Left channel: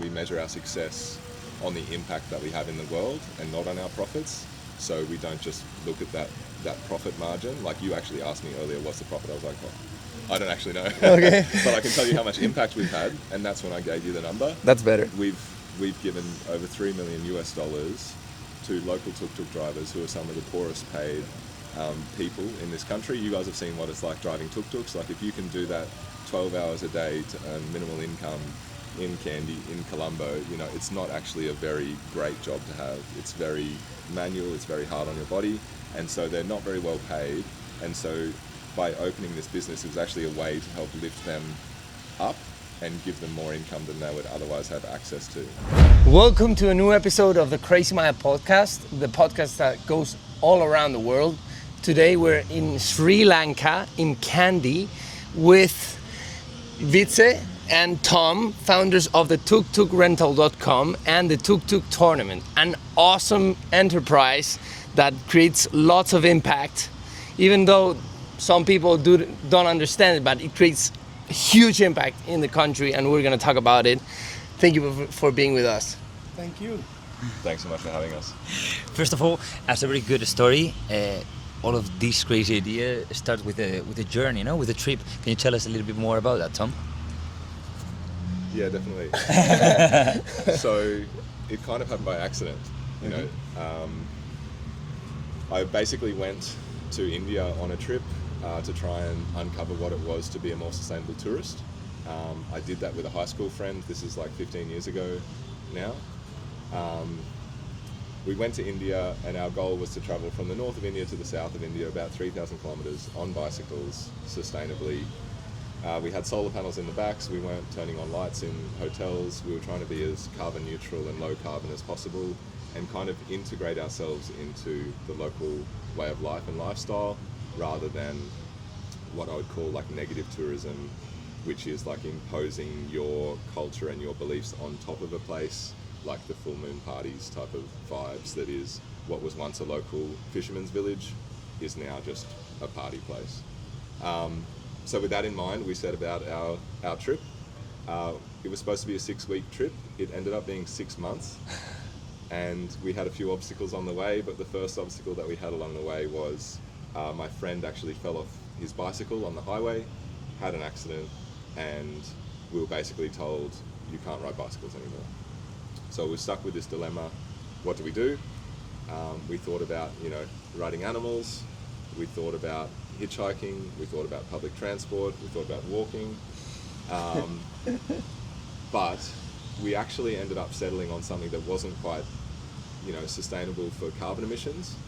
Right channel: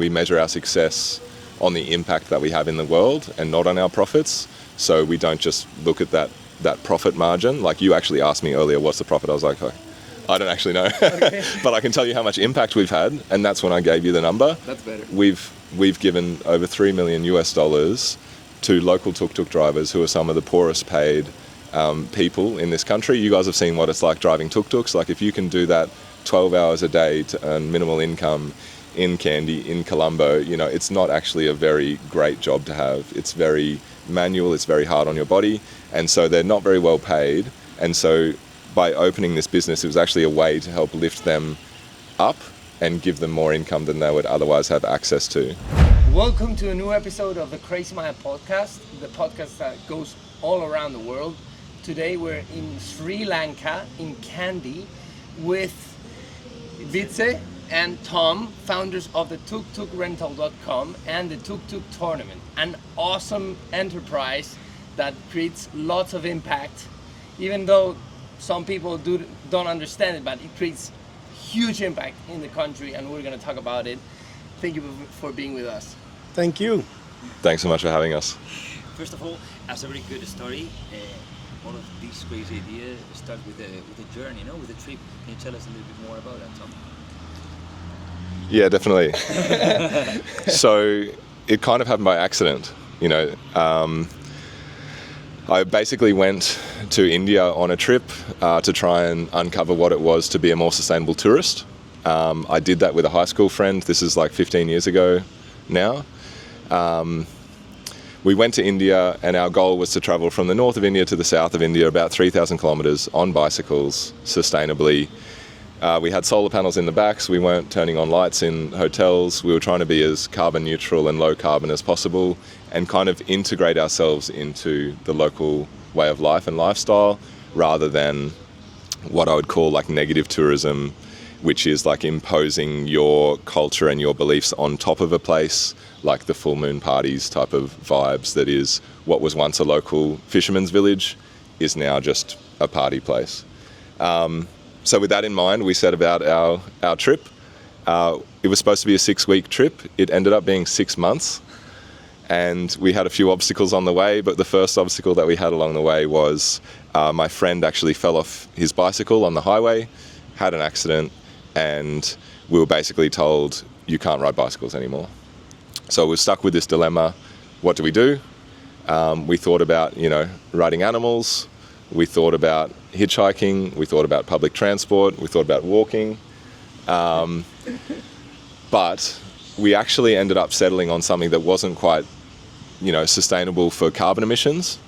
we measure our success on the impact that we have in the world and not on our profits. So we don't just look at that profit margin. Like you actually asked me earlier, what's the profit? I was like, oh, I don't actually know. Okay. But I can tell you how much impact we've had, and that's when I gave you the number. That's better. We've given over $3 million to local tuk-tuk drivers who are some of the poorest paid people in this country. You guys have seen what it's like driving tuk-tuks. Like if you can do that 12 hours a day to earn minimal income in Kandy, in Colombo, you know, it's not actually a very great job to have. It's very manual, it's very hard on your body, and so they're not very well paid. And so by opening this business, it was actually a way to help lift them up and give them more income than they would otherwise have access to. Welcome to a new episode of the Crazy Maya podcast, the podcast that goes all around the world. Today we're in Sri Lanka, in Kandy, with Vitze and Tom, founders of the TukTukRental.com and the TukTuk Tournament, an awesome enterprise that creates lots of impact, even though some people don't understand it, but it creates huge impact in the country, and we're going to talk about it. Thank you for being with us. Thank you. Thanks so much for having us. First of all, as a very good story, all of this crazy idea starts with a journey, you know, with a trip. Can you tell us a little bit more about that, Tom? Yeah, definitely. So it kind of happened by accident, you know. I basically went to India on a trip to try and uncover what it was to be a more sustainable tourist. I did that with a high school friend. This is like 15 years ago now. We went to India, and our goal was to travel from the north of India to the south of India, about 3,000 kilometers on bicycles, sustainably. We had solar panels in the backs. We weren't turning on lights in hotels. We were trying to be as carbon neutral and low carbon as possible and kind of integrate ourselves into the local way of life and lifestyle, rather than what I would call like negative tourism, which is like imposing your culture and your beliefs on top of a place, like the full moon parties type of vibes. That is what was once a local fisherman's village is now just a party place. So with that in mind, we set about our trip. It was supposed to be a 6-week trip. It ended up being 6 months. And we had a few obstacles on the way, but the first obstacle that we had along the way was my friend actually fell off his bicycle on the highway, had an accident, and we were basically told, you can't ride bicycles anymore. So we were stuck with this dilemma. What do we do? We thought about, you know, riding animals. We thought about hitchhiking. We thought about public transport. We thought about walking. But we actually ended up settling on something that wasn't quite, you know, sustainable for carbon emissions,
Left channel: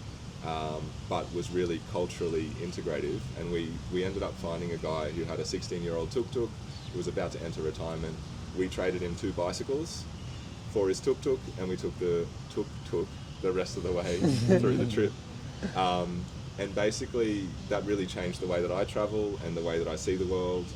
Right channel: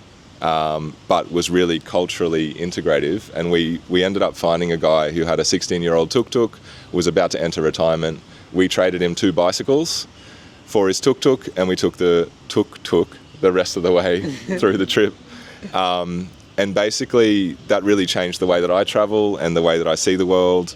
but was really culturally integrative. And we ended up finding a guy who had a 16-year-old tuk-tuk, was about to enter retirement. We traded him 2 bicycles for his tuk-tuk, and we took the tuk-tuk the rest of the way through the trip. And basically that really changed the way that I travel and the way that I see the world,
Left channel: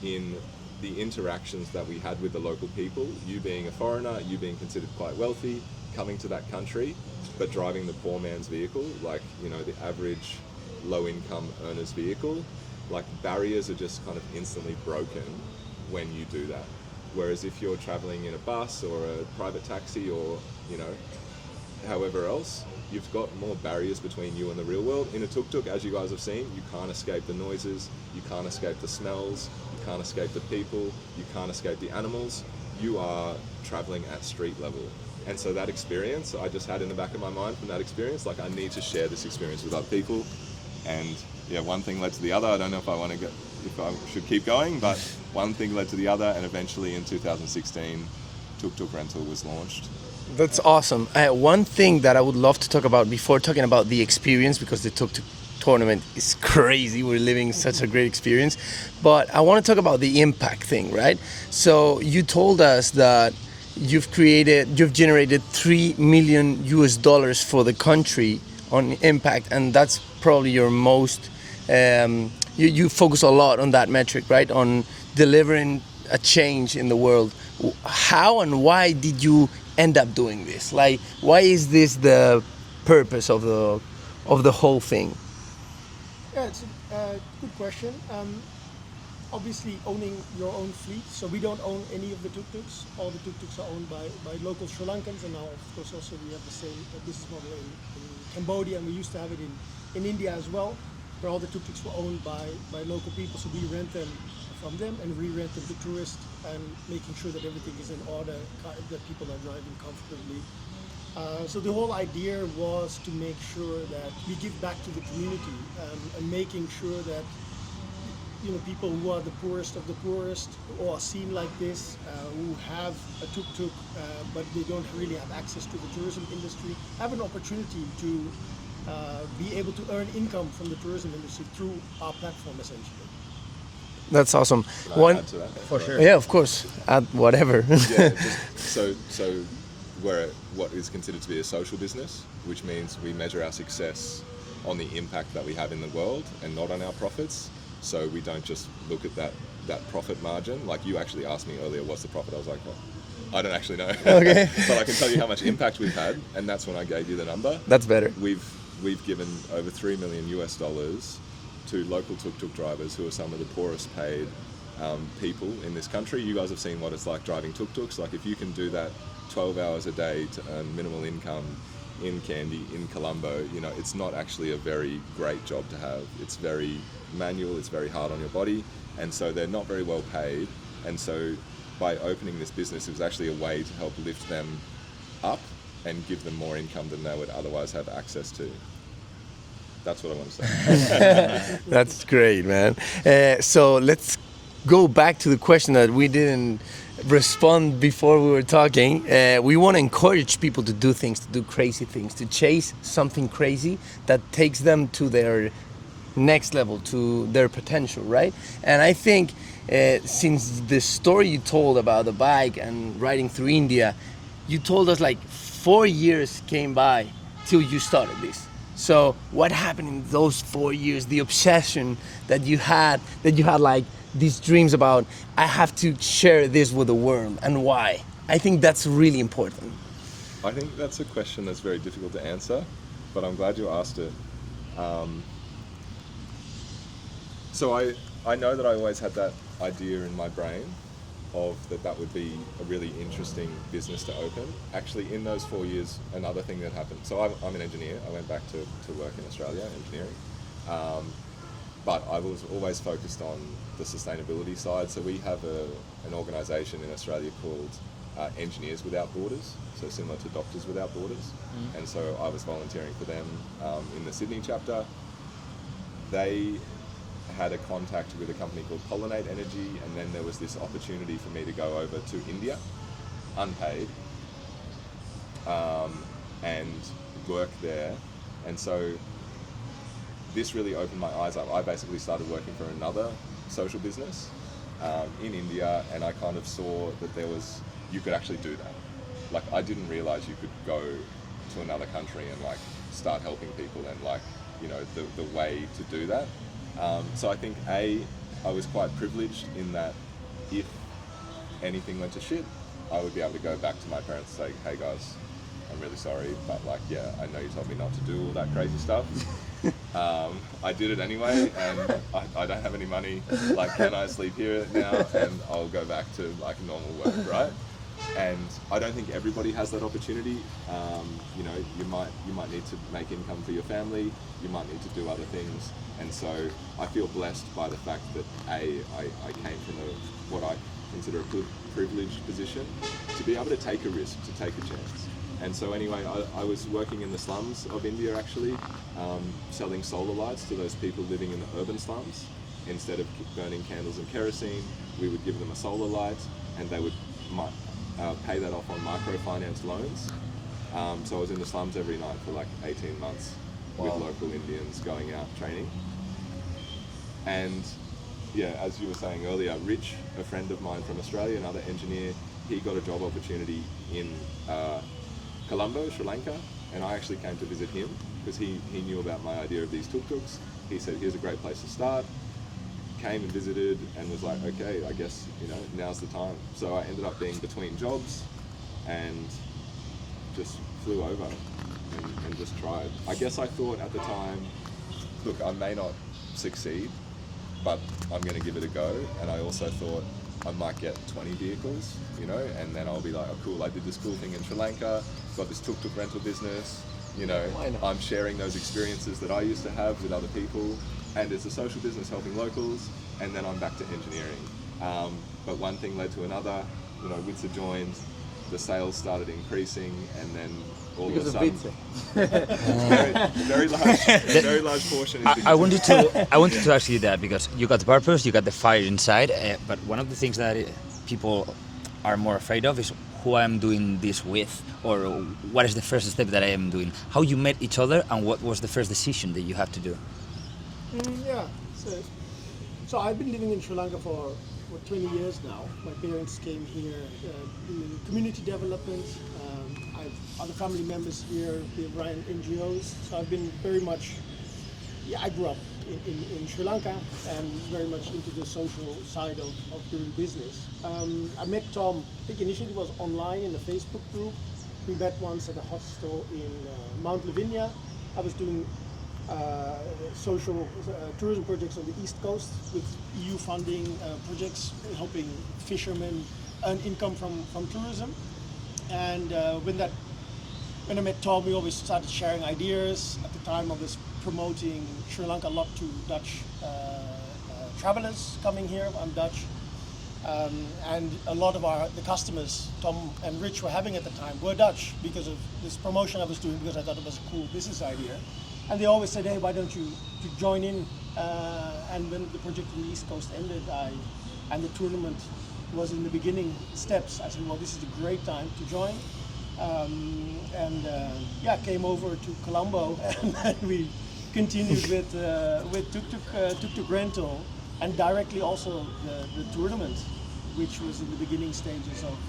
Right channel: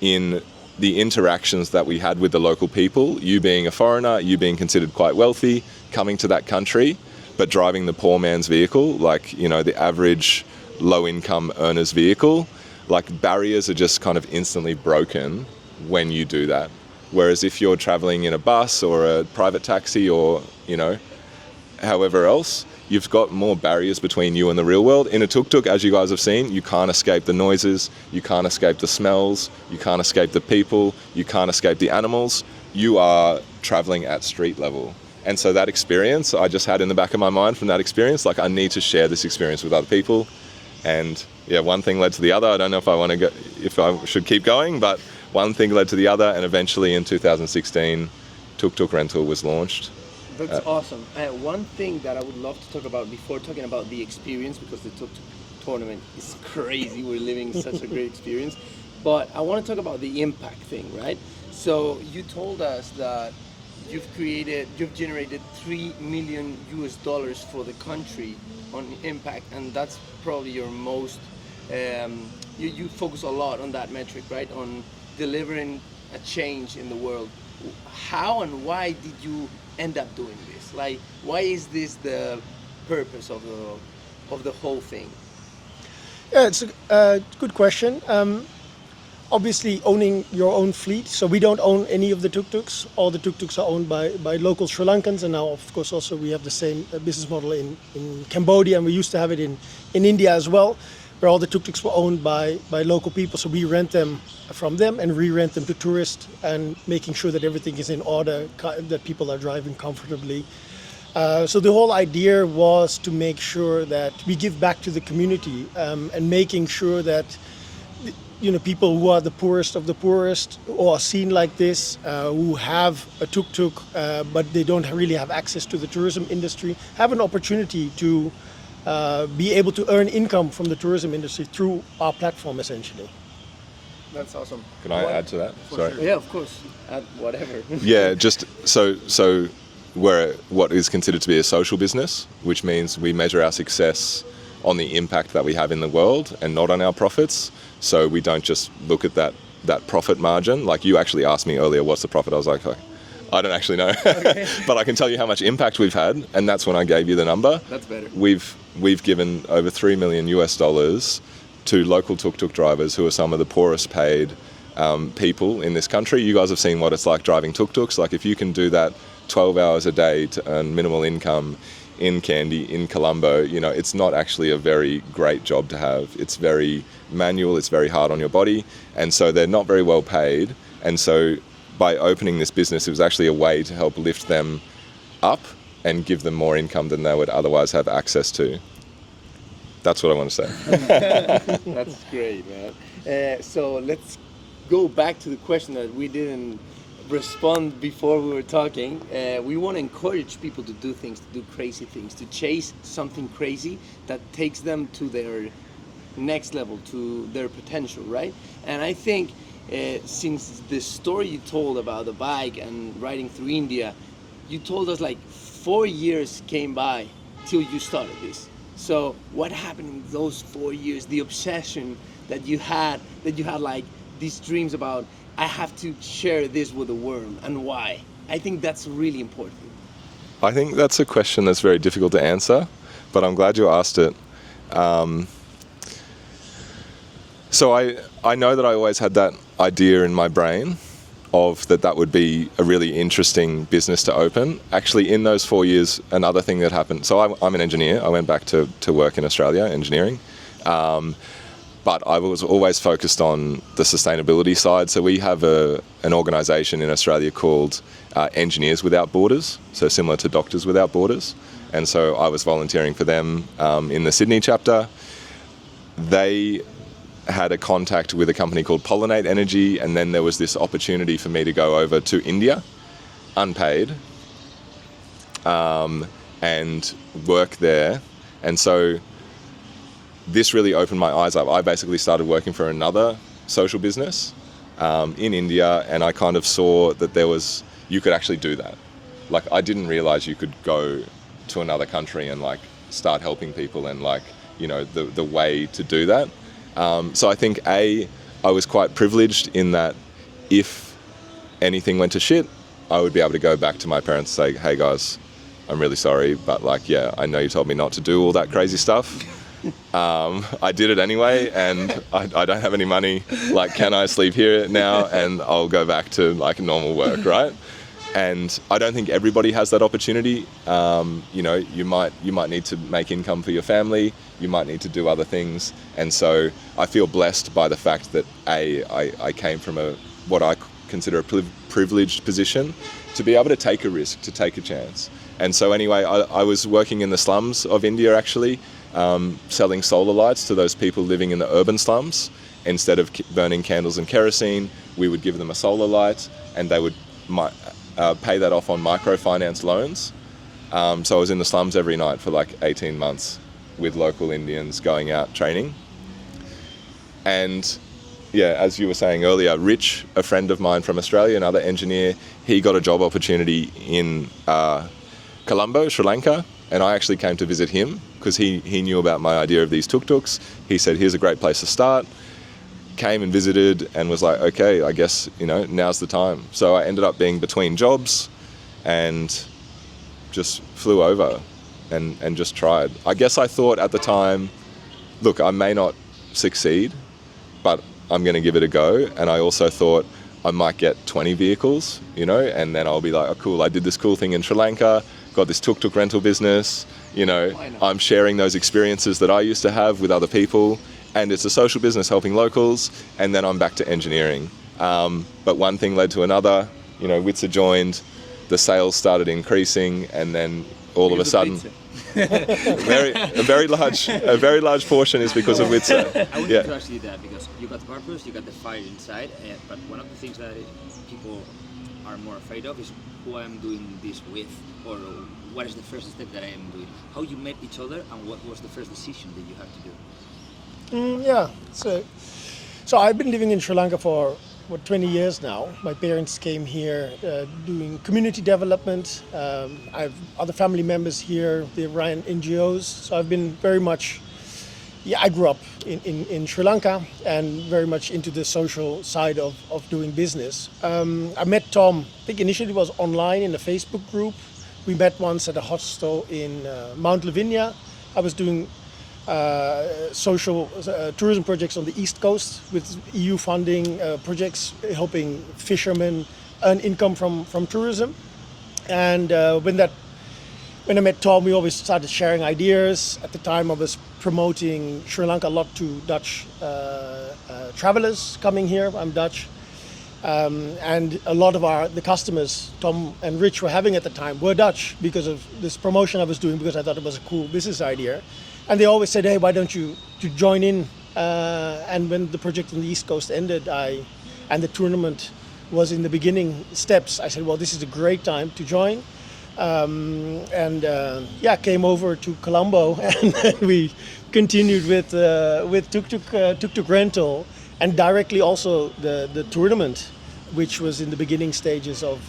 in the interactions that we had with the local people. You being a foreigner, you being considered quite wealthy, coming to that country, but driving the poor man's vehicle, like, you know, the average low-income earner's vehicle. Like, barriers are just kind of instantly broken when you do that. Whereas if you're traveling in a bus or a private taxi or, you know, however else, you've got more barriers between you and the real world. In a tuk-tuk, as you guys have seen, you can't escape the noises, you can't escape the smells, you can't escape the people, you can't escape the animals. You are traveling at street level. And so that experience, I just had in the back of my mind from that experience, like, I need to share this experience with other people. And yeah, one thing led to the other. I don't know if I want to go, if I should keep going, but one thing led to the other, and eventually in 2016, TukTuk Rental was launched. That's awesome. One thing that I would love to talk about before talking about the experience, because the TukTuk Tournament is crazy. We're living such a great experience. But I want to talk about the impact thing, right? So you told us that you've generated $3 million for the country on impact, and that's probably your most, you focus a lot on that metric, right? On delivering a change in the world. How and why did you end up doing this? Like, why is this the purpose of the whole thing? Yeah, it's a good question. obviously owning your own fleet. So we don't own any of the tuk-tuks. All the tuk-tuks are owned by local Sri Lankans, and now of course also we have the same business model in Cambodia, and we used to have it in India as well, where all the tuk-tuks were owned by local people. So we rent them from them and re-rent them to tourists, and making sure that everything is in order, that people are driving comfortably. So the whole idea was to make sure that we give back to the community, and making sure that people who are the poorest of the poorest, or are seen like this, who have a tuk-tuk, but they don't really have access to the tourism industry, have an opportunity to be able to earn income from the tourism industry through our platform, essentially. That's awesome. Can I add to that? Sorry. Yeah, of course. Add whatever. Yeah, just so we're what is considered to be a social business, which means we measure our success on the impact that we have in the world and not on our profits. So we don't just look at that profit margin. Like you actually asked me earlier, what's the profit? I was like, I don't actually know. Okay. But I can tell you how much impact we've had, and that's when I gave you the number. That's better. We've given over $3 million to local tuk-tuk drivers who are some of the poorest paid people in this country. You guys have seen what it's like driving tuk-tuks. Like if you can do that 12 hours a day to earn minimal income in Kandy, in Colombo, it's not actually a very great job to have. It's very manual, it's very hard on your body, and so they're not very well paid. And so by opening this business, it was actually a way to help lift them up and give them more income than they would otherwise have access to. That's what I want to say. That's great, man. So let's go back to the question that we didn't respond before we were talking. We want to encourage people to do things, to do crazy things, to chase something crazy that takes them to their next level, to their potential, right? And I think since the story you told about the bike and riding through India, you told us like 4 years came by till you started this. So what happened in those 4 years, the obsession that you had like these dreams about, I have to share this with the world, and why? I think that's really important. I think that's a question that's very difficult to answer, but I'm glad you asked it. So I know that I always had that idea in my brain of that would be a really interesting business to open. Actually, in those 4 years, another thing that happened, so I'm an engineer. I went back to work in Australia, engineering. But I was always focused on the sustainability side. So we have an organisation in Australia called Engineers Without Borders, so similar to Doctors Without Borders. And so I was volunteering for them in the Sydney chapter. They had a contact with a company called Pollinate Energy, and then there was this opportunity for me to go over to India, unpaid, and work there. And so this really opened my eyes up. I basically started working for another social business in India, and I kind of saw that you could actually do that. Like, I didn't realize you could go to another country and like start helping people, and like, the way to do that. So I think I was quite privileged in that if anything went to shit, I would be able to go back to my parents and say, hey guys, I'm really sorry, but like, yeah, I know you told me not to do all that crazy stuff. I did it anyway, and I don't have any money. Like, can I sleep here now? And I'll go back to like normal work, right? And I don't think everybody has that opportunity. You might need to make income for your family. You might need to do other things. And so I feel blessed by the fact that I came from what I consider a privileged position to be able to take a risk, to take a chance. And so anyway, I was working in the slums of India actually, selling solar lights to those people living in the urban slums. Instead of burning candles and kerosene, we would give them a solar light, and they would pay that off on microfinance loans. So I was in the slums every night for like 18 months with local Indians going out training. And yeah, as you were saying earlier, Rich, a friend of mine from Australia, another engineer, he got a job opportunity in Colombo, Sri Lanka, and I actually came to visit him because he knew about my idea of these tuk-tuks. He said, here's a great place to start. Came and visited and was like, okay, I guess, now's the time. So I ended up being between jobs and just flew over and just tried. I guess I thought at the time, look, I may not succeed, but I'm going to give it a go. And I also thought I might get 20 vehicles, you know, and then I'll be like, oh, cool, I did this cool thing in Sri Lanka, got this TukTuk rental business, you know, I'm sharing those experiences that I used to have with other people, and it's a social business helping locals, and then I'm back to engineering. But one thing led to another, you know, Vitze joined, the sales started increasing, and then all of a sudden, a very large portion is because of Vitze. I wanted to ask you that because you got the purpose, you got the fire inside, but one of the things that people are more afraid of is who I am doing this with, or what is the first step that I am doing. How you met each other, and what was the first decision that you had to do? So I've been living in Sri Lanka for 20 years now. My parents came here doing community development. I have other family members here. They ran NGOs. So I've been very much, I grew up in Sri Lanka and very much into the social side of doing business. I met Tom, I think initially it was online in a Facebook group. We met once at a hostel in Mount Lavinia. I was doing social tourism projects on the East Coast with EU funding projects helping fishermen earn income from tourism. And when I met Tom, we always started sharing ideas. At the time I was promoting Sri Lanka a lot to Dutch travelers coming here. I'm Dutch. And a lot of the customers Tom and Rich were having at the time were Dutch because of this promotion I was doing, because I thought it was a cool business idea. And they always said, hey, why don't you join in? And when the project on the East Coast ended, and the tournament was in the beginning steps, I said, well, this is a great time to join. Came over to Colombo, and then we continued with TukTuk rental, and directly also the tournament, which was in the beginning stages of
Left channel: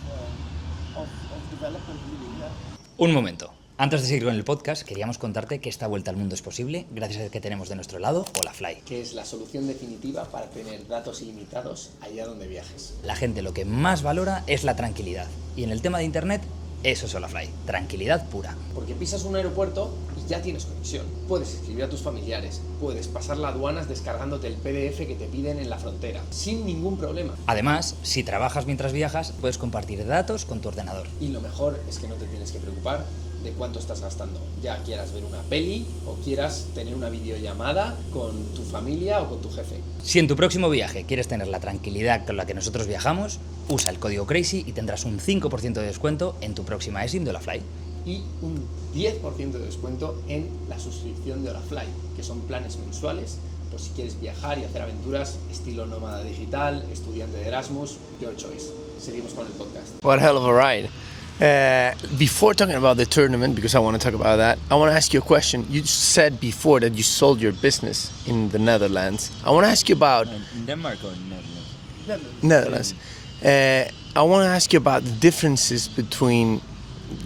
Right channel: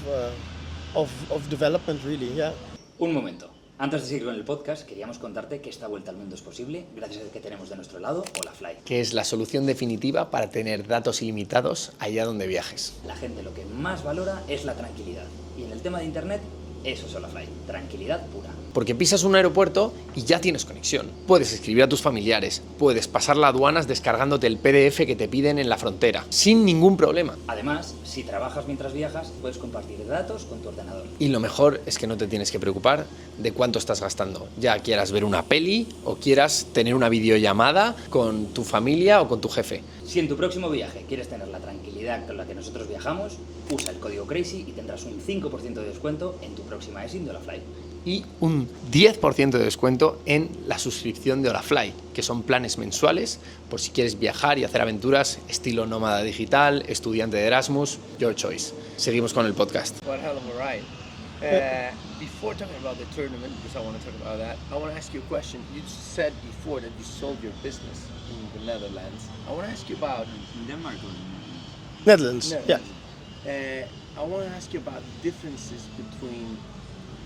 development, really, yeah. Un momento. Antes de seguir con el podcast, queríamos contarte que esta vuelta al mundo es posible gracias a que tenemos de nuestro lado HOLAFY, que es la solución definitiva para tener datos ilimitados allá donde viajes. La gente lo que más valora es la tranquilidad, y en el tema de internet, eso es HOLAFY, tranquilidad pura. Porque pisas un aeropuerto y ya tienes conexión. Puedes escribir a tus familiares, puedes pasar las aduanas descargándote el PDF que te piden en la frontera, sin ningún problema. Además, si trabajas mientras viajas, puedes compartir datos con tu ordenador. Y lo mejor es que no te tienes que preocupar de cuánto estás gastando, ya quieras ver una peli o quieras tener una videollamada con tu familia o con tu jefe. Si en tu próximo viaje quieres tener la tranquilidad con la que nosotros viajamos, usa el código CRAZY y tendrás un 5% de descuento en tu próxima eSIM de HOLAFY. Y un 10% de descuento en la suscripción de HOLAFY, que son planes mensuales por si quieres viajar y hacer aventuras estilo nómada digital, estudiante de Erasmus, your choice. Seguimos con el podcast. What a hell of a ride. Before talking about the tournament, because I want to talk about that, I want to ask you a question. You said before that you sold your business in the Netherlands. I want to ask you about... Denmark or Netherlands. Netherlands. Yeah. I want to ask you about the differences between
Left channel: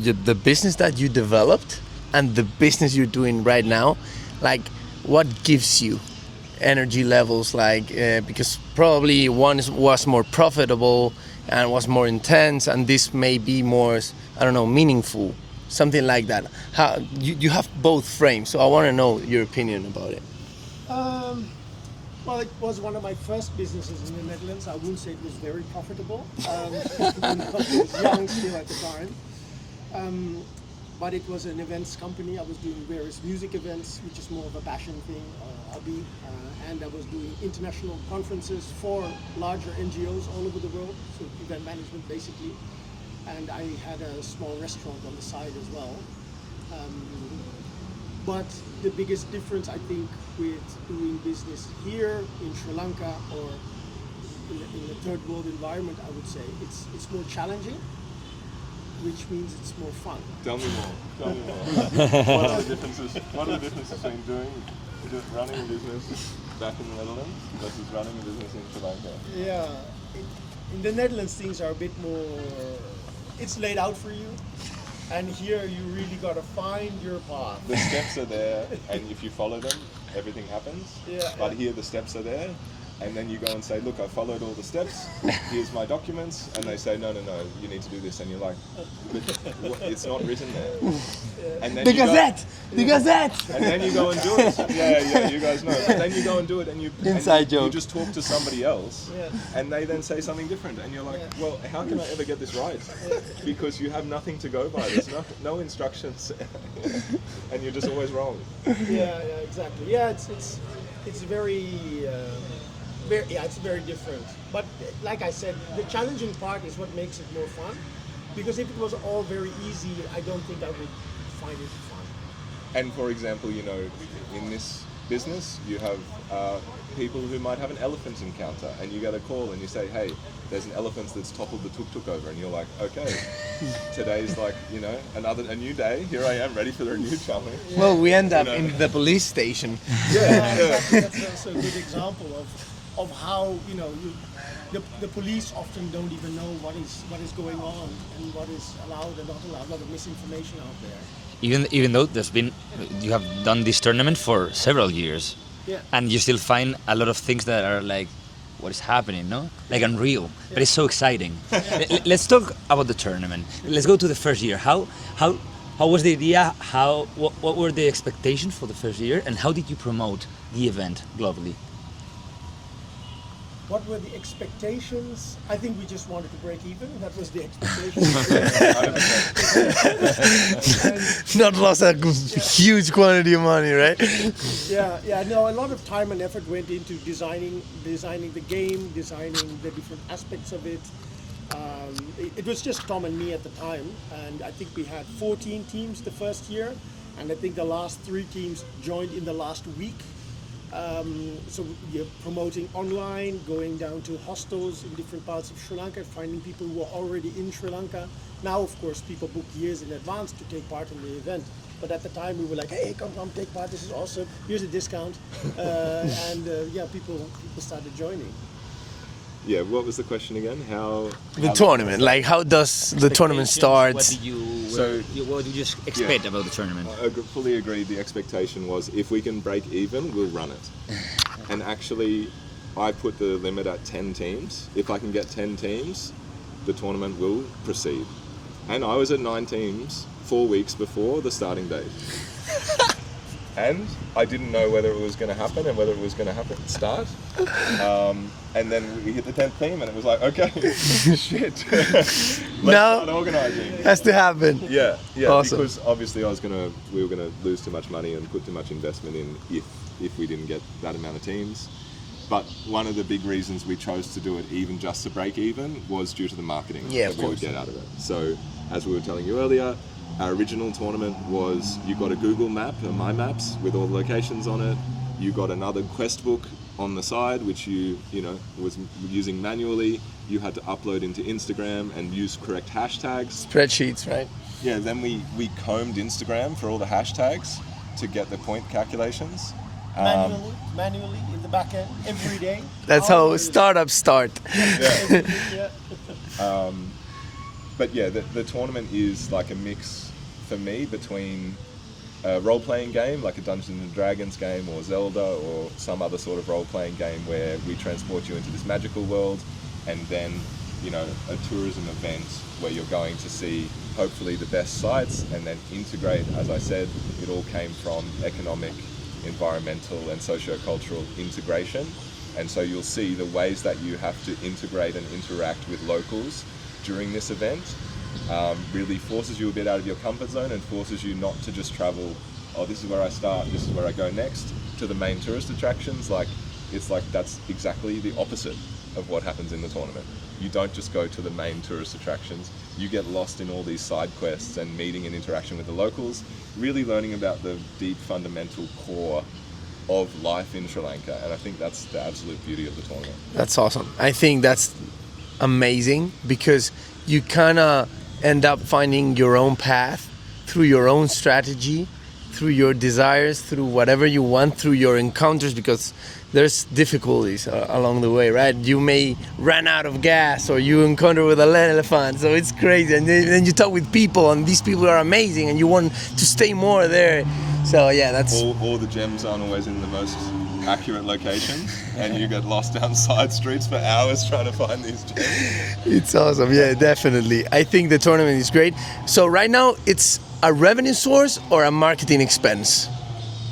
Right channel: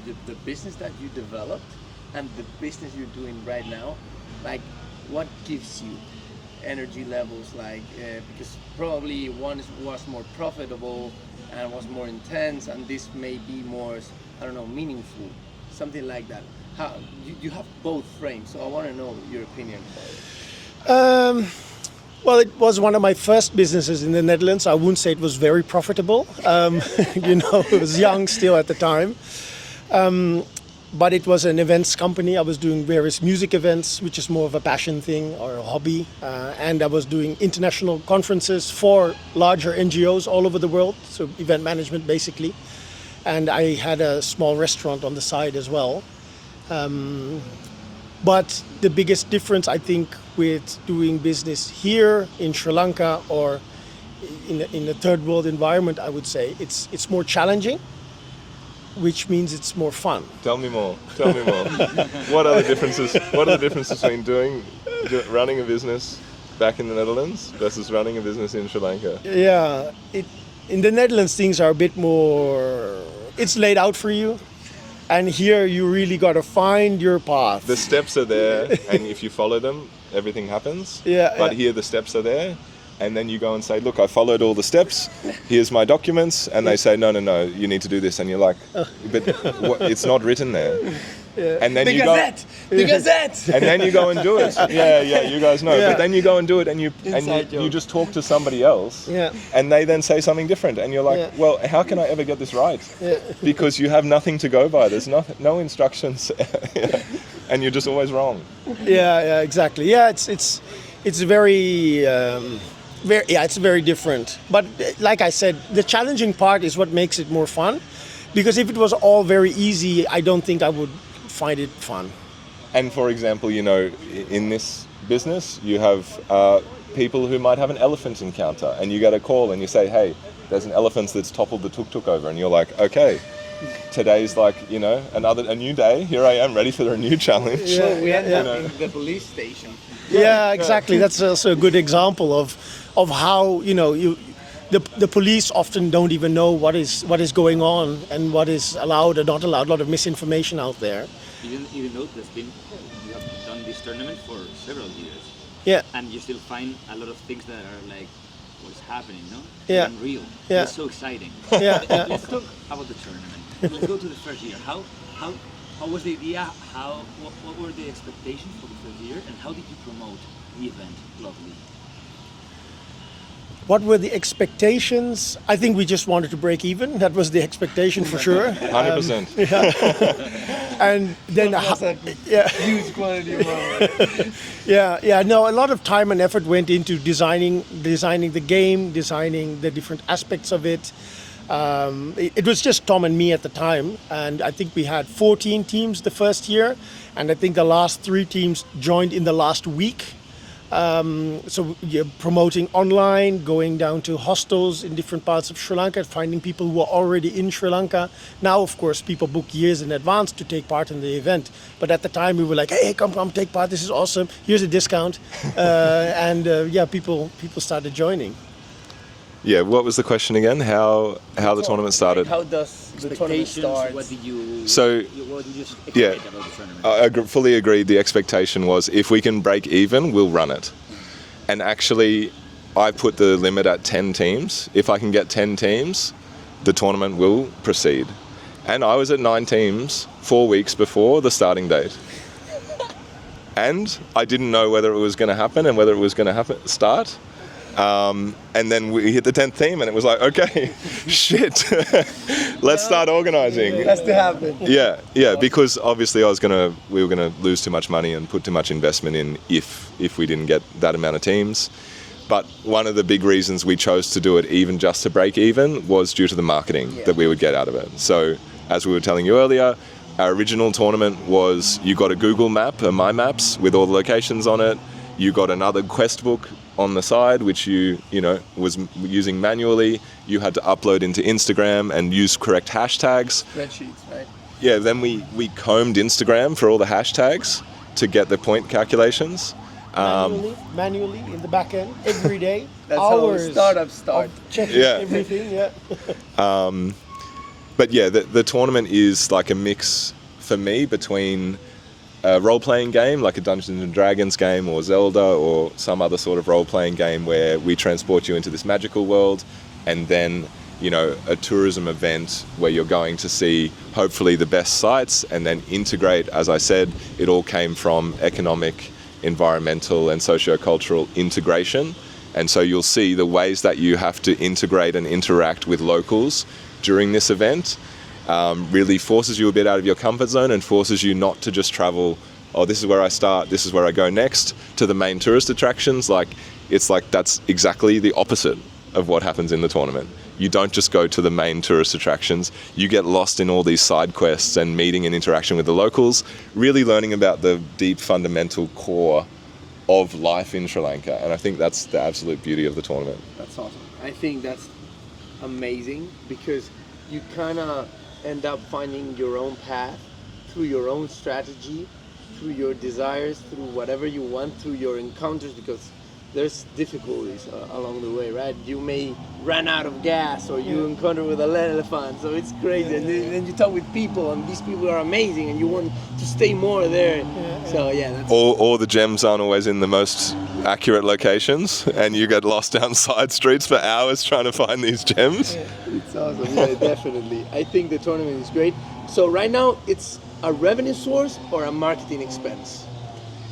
the business that you developed and the business you're doing right now. Like, what gives you energy levels? Like, because probably one was more profitable and was more intense, and this may be more, I don't know, meaningful, something like that. How you have both frames, so I want to know your opinion about it. Well, it was one of my first businesses in the Netherlands. I wouldn't say it was very profitable. It was young still at the time. But it was an events company. I was doing various music events, which is more of a passion thing or a hobby. And I was doing international conferences for larger NGOs all over the world, so event management basically. And I had a small restaurant on the side as well. But the biggest difference, I think, with doing business here in Sri Lanka or in a third world environment, I would say, it's more challenging, which means it's more fun. Tell me more. What are the differences? What are the differences between running a business back in the Netherlands versus running a business in Sri Lanka? Yeah, in the Netherlands things are a bit more. It's laid out for you, and here you really got to find your path. The steps are there, and if you follow them, everything happens. Yeah. But here the steps are there, And then you go and say, look, I followed all the steps, here's my documents, and they say, no, you need to do this. And you're like, but it's not written there. Yeah. And then The Gazette! And then you go and do it. Yeah, you guys know. Yeah. But then you go and do it, and you joke. just talk to somebody else, and they then say something different. And you're like, well, how can I ever get this right? Because you have nothing to go by. There's no instructions, and you're just always wrong. Yeah, exactly. Yeah, it's very... it's very different. But like I said, the challenging part is what makes it more fun. Because if it was all very easy, I don't think I would find it fun. And for example, in this business, you have people who might have an elephant encounter, and you get a call and you say, hey, there's an elephant that's toppled the tuk-tuk over, and you're like, okay, today's like, a new day. Here I am, ready for a new challenge. Well, we end up in the police station. Yeah, exactly. That's also a good example of how the police often don't even know what is going on and what is allowed or not allowed. A lot of misinformation out there. Even though you have done this tournament for several years. Yeah. And you still find a lot of things that are like, what is happening, no? Like Yeah. unreal. Yeah. It's so exciting. Yeah. Let's talk about the tournament. Let's go to the first year. How was the idea? What were the expectations for the first year, and how did you promote the event globally? What were the expectations? I think we just wanted to break even. That was the expectation for sure. 100%. And That then was a huge quantity of money, right? No, a lot of time and effort went into designing the game, designing the different aspects of it. It was just Tom and me at the time, and I think we had 14 teams the first year, and I think the last 3 teams joined in the last week. So promoting online, going down to hostels in different parts of Sri Lanka, finding people who are already in Sri Lanka. Now, of course, people book years in advance to take part in the event. But at the time, we were like, hey, come take part. This is awesome. Here's a discount. People started joining. Yeah, what was the question again? How the tournament started? Like, how does the tournament start? What did you expect about the tournament? I fully agreed. The expectation was if we can break even, we'll run it. And actually, I put the limit at 10 teams. If I can get 10 teams, the tournament will proceed. And I was at 9 teams 4 weeks before the starting date. And I didn't know whether it was going to happen and whether it was going to start. And then we hit the 10th team and it was like, okay, shit, let's start organizing. Has to happen. Yeah, Awesome. Because obviously we were going to lose too much money and put too much investment in if we didn't get that amount of teams. But one of the big reasons we chose to do it even just to break even was due to the marketing that we would get out of it. So as we were telling you earlier, our original tournament was you got a Google map, a My Maps with all the locations on it. You got another quest book on the side, which you was using manually. You had to upload into Instagram and use correct hashtags. Spreadsheets, right? Yeah, then we combed Instagram for all the hashtags to get the point calculations. Manually in the back end every day. That's how startups start. But yeah, the tournament is like a mix for me between a role-playing game, like a Dungeons and Dragons game or Zelda or some other sort of role-playing game where we transport you into this magical world, and then, a tourism event where you're going to see hopefully the best sites and then integrate, as I said, it all came from economic, environmental and socio-cultural integration. And so you'll see the ways that you have to integrate and interact with locals during this event really forces you a bit out of your comfort zone and forces you not to just travel, this is where I start, this is where I go next, to the main tourist attractions. It's like that's exactly the opposite of what happens in the tournament. You don't just go to the main tourist attractions, you get lost in all these side quests and meeting and interaction with the locals, really learning about the deep fundamental core of life in Sri Lanka. And I think that's the absolute beauty of the tournament. That's awesome. I think that's amazing because you kind of end up finding your own path through your own strategy, through your desires, through whatever you want, through your encounters, because there's difficulties along the way, right? You may run out of gas or you encounter with an elephant, so it's crazy. And then you talk with people and these people are amazing and you want to stay more there. So yeah, that's... All the gems aren't always in the most accurate locations, and you get lost down side streets for hours trying to find these gems. It's awesome. Yeah, definitely. I think the tournament is great. So right now, it's a revenue source or a marketing expense?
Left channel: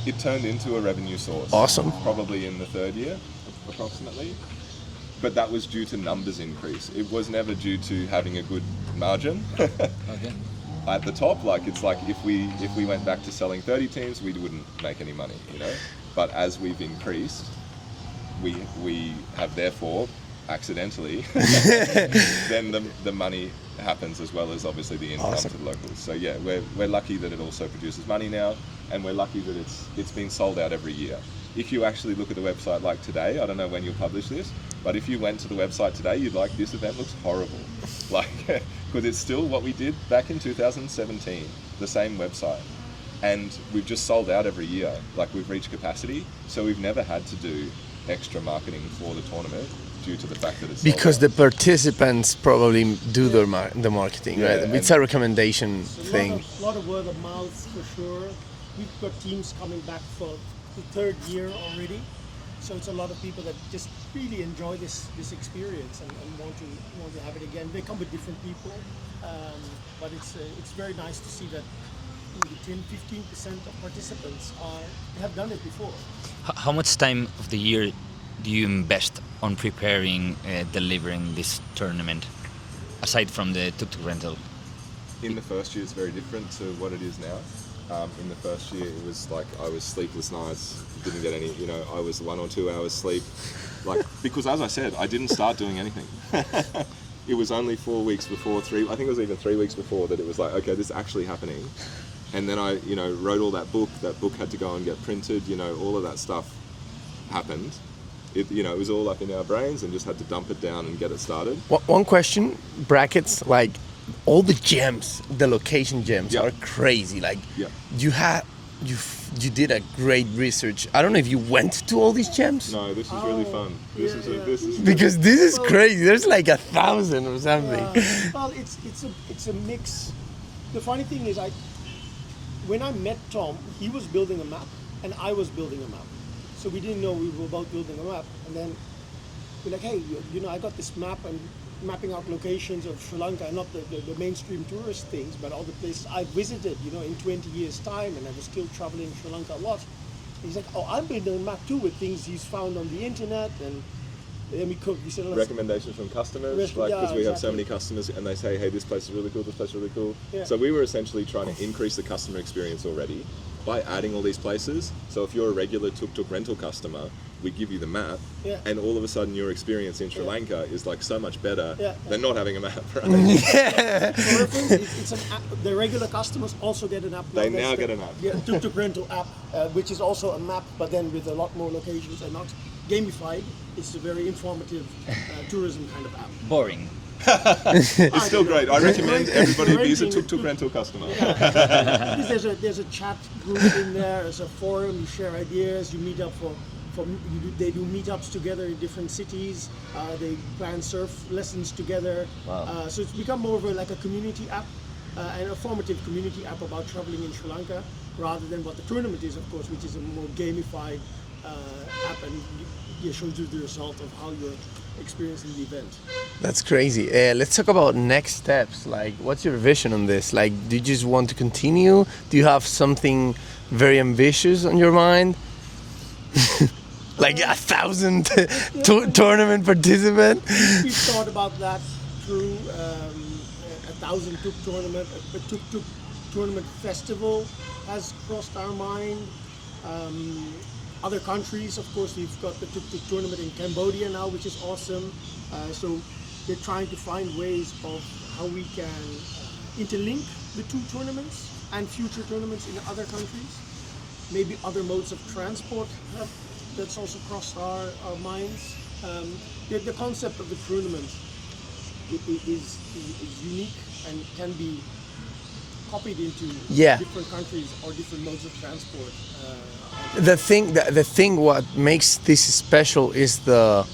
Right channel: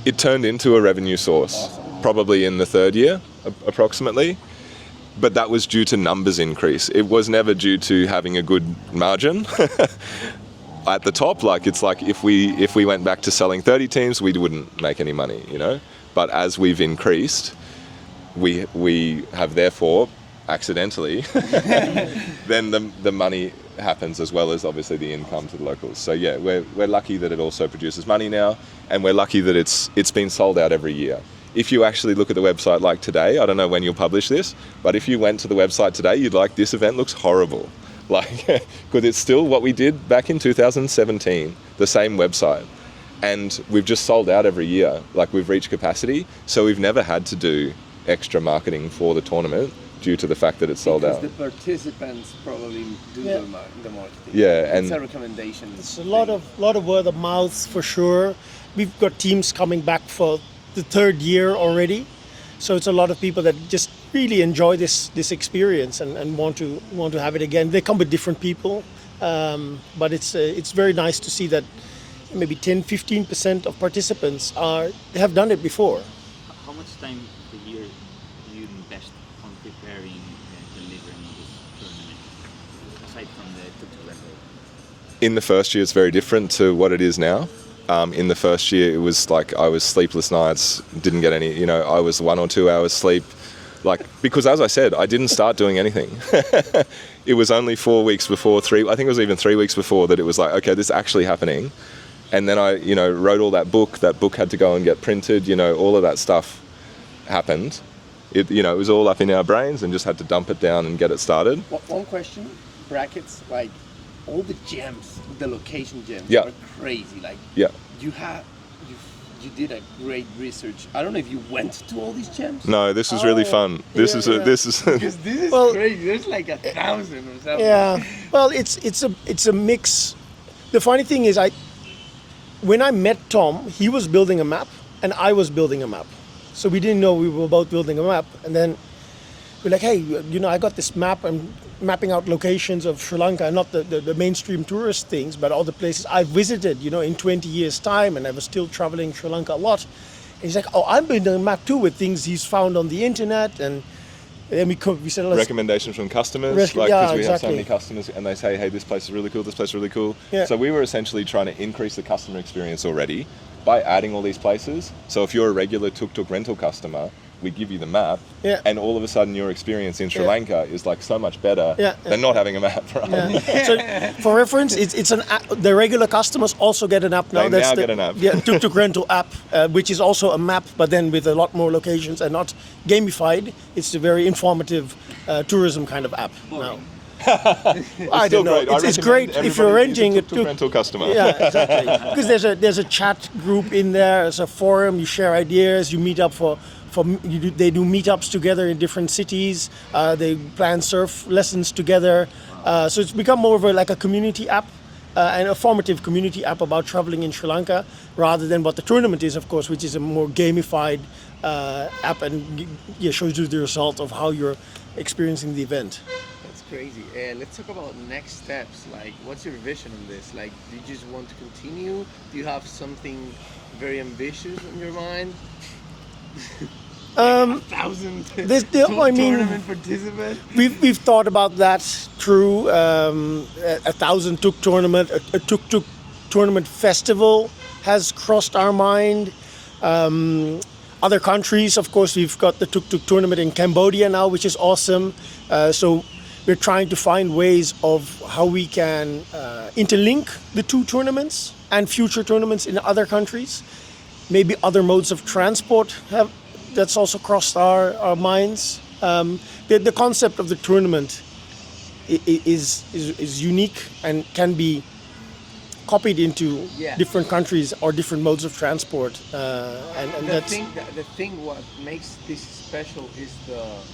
It turned into a revenue source. Awesome. Probably in the third year, approximately. But that was due to numbers increase. It was never due to having a good margin. At the top, like it's like if we went back to selling 30 teams, we wouldn't make any money, you know. But as we've increased, we have therefore accidentally then the money happens as well as obviously the income to the locals. So yeah, we're lucky that it also produces money now, and we're lucky that it's been sold out every year. If you actually look at the website like today, I don't know when you'll publish this, but if you went to the website today, you'd like, this event looks horrible. Like, because it's still what we did back in 2017, the same website. And we've just sold out every year. Like, we've reached capacity, so we've never had to do extra marketing for the tournament due to the fact that it's sold Because out. the participants probably do the marketing. Yeah, right? It's a recommendation It's thing. a lot of word of mouth for sure. We've got teams coming back for the third year already, so it's a lot of people that just really enjoy this experience and want to have it again. They come with different people, but it's very nice to see that maybe 10-15% of participants have done it before. How much time of the year do you invest on preparing, delivering this tournament, aside from the TukTuk rental? In the first year, it's very different to what it is now. In the first year, it was like I was sleepless nights, didn't get any, you know, I was 1 or 2 hours sleep. Like, because as I said, I didn't start doing anything. It was only 4 weeks before, I think it was even 3 weeks before that it was like, okay, this is actually happening. And then I, you know, wrote all that book had to go and get printed, you know, all of that stuff happened. It, you know, it was all up in our brains and just had to dump it down and get it started. One question, brackets, like all the gems, the location gems Yeah. are crazy. Like Yeah. you did a great research. I don't know if you went to all these gems. No, this was really fun. This is Because this is Well- crazy. There's like 1,000 or something. Yeah, well, it's a mix. The funny thing is, when I met Tom, he was building a map and I was building a map. So we didn't know we were both building a map. And then we're like, hey, you know, I got this map. I'm mapping out locations of Sri Lanka, not the mainstream tourist things, but all the places I visited, you know, in 20 years' time, and I was still traveling Sri Lanka a lot. And he's like, oh, I'm building a map too with things he's found on the internet. And then we said, let's recommendations from customers, Rec- like yeah, because we have so exactly. many customers and they say, hey, this place is really cool, this place is really cool. Yeah. So we were essentially trying to increase the customer experience already by adding all these places. So if you're a regular TukTuk rental customer, we give you the map, Yeah. and all of a sudden your experience in Sri Yeah. Lanka is like so much better Yeah. than not having a map, right? So, for reference, it's an app. The regular customers also get an app now. They now get an app. Yeah, TukTuk rental app, which is also a map, but then with a lot more locations and not gamified. It's a very informative tourism kind of app. Boring. I Still don't know. great. I It's recommend great if everybody you're use a renting a TukTuk rental customer. Yeah, exactly. Because there's a chat group in there. There's a forum. You share ideas. You meet up they do meetups together in different cities. They plan surf lessons together. Wow. So it's become more of like a community app, and a formative community app about traveling in Sri Lanka, rather than what the tournament is, of course, which is a more gamified app and shows you the result of how you're experiencing the event. That's crazy. Let's talk about next steps. Like, what's your vision on this? Like, do you just want to continue? Do you have something very ambitious on your mind? Like 1,000 tournament participant? We've thought about that through 1,000 TukTuk tournament. A TukTuk tournament festival has crossed our mind. Other countries, of course, we've got the TukTuk tournament in Cambodia now, which is awesome. So we're trying to find ways of how we can interlink the two tournaments and future tournaments in other countries. Maybe other modes of transport that's also crossed our minds. The concept of the tournament is unique and can be copied into different countries or different modes of transport. And The thing what makes this special is the